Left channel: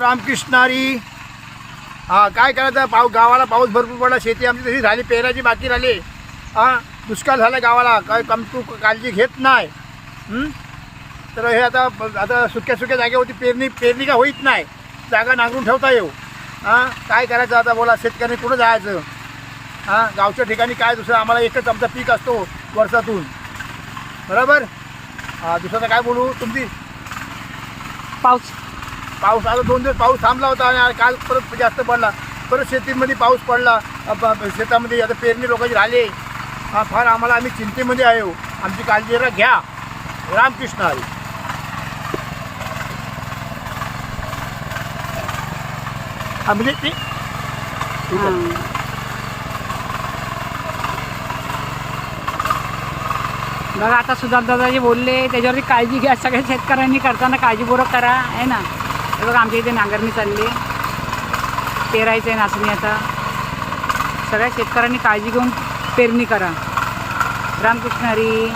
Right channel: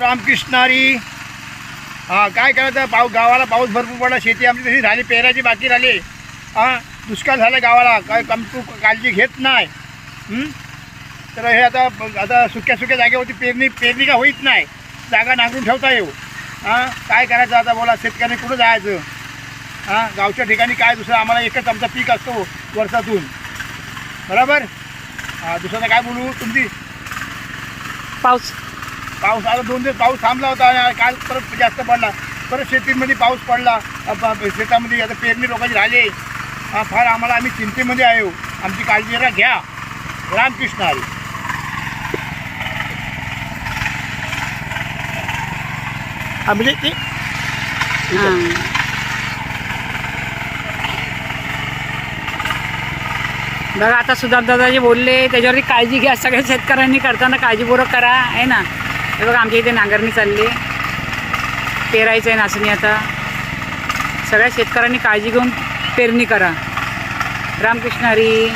रामकृष्णारी. हां, काय करायचं, गावाला पाऊस भरपूर पडला, शेती आमची तशी झाली, पेराची बाकी राहिली. हां, दुष्काळ झाला गावाला, काय तू काळजी घेत नाही. तर हे आता सुक्या जागेवरती पेरणी का होईत नाही, जागा नांगरून ठेवता येऊ. हां, काय करायचं आता बोला, शेतकऱ्यांनी कुठं जायचं. हां, गावच्या ठिकाणी काय दुसरं, आम्हाला एकच आमचा पीक असतो वर्षातून, बरोबर. हां, दुसरं काय बोलू. तुमची पाऊस आता 2 दिवस पाऊस थांबला होता आणि काल परत जास्त पडला. परत शेतीमध्ये पाऊस पडला, शेतामध्ये आता पेरणी लोकांची राहिली. फार आम्ही चिंतेमध्ये आहे. आमची काळजी जरा घ्या. रामकृष्ण हरी. म्हणजे ते बघा, आता सुधारदादा जे बोलले त्याच्यावरती काळजी घ्या. सगळ्या शेतकऱ्यांनी करताना काळजीपूर्वक करा, आहे ना. हे बघा, आमच्या इथे नांगरणी चालली, पेरायचं आहे नाचणी. आता सगळ्या शेतकऱ्यांनी काळजी घेऊन पेरणी करा. रामकृष्ण हरी.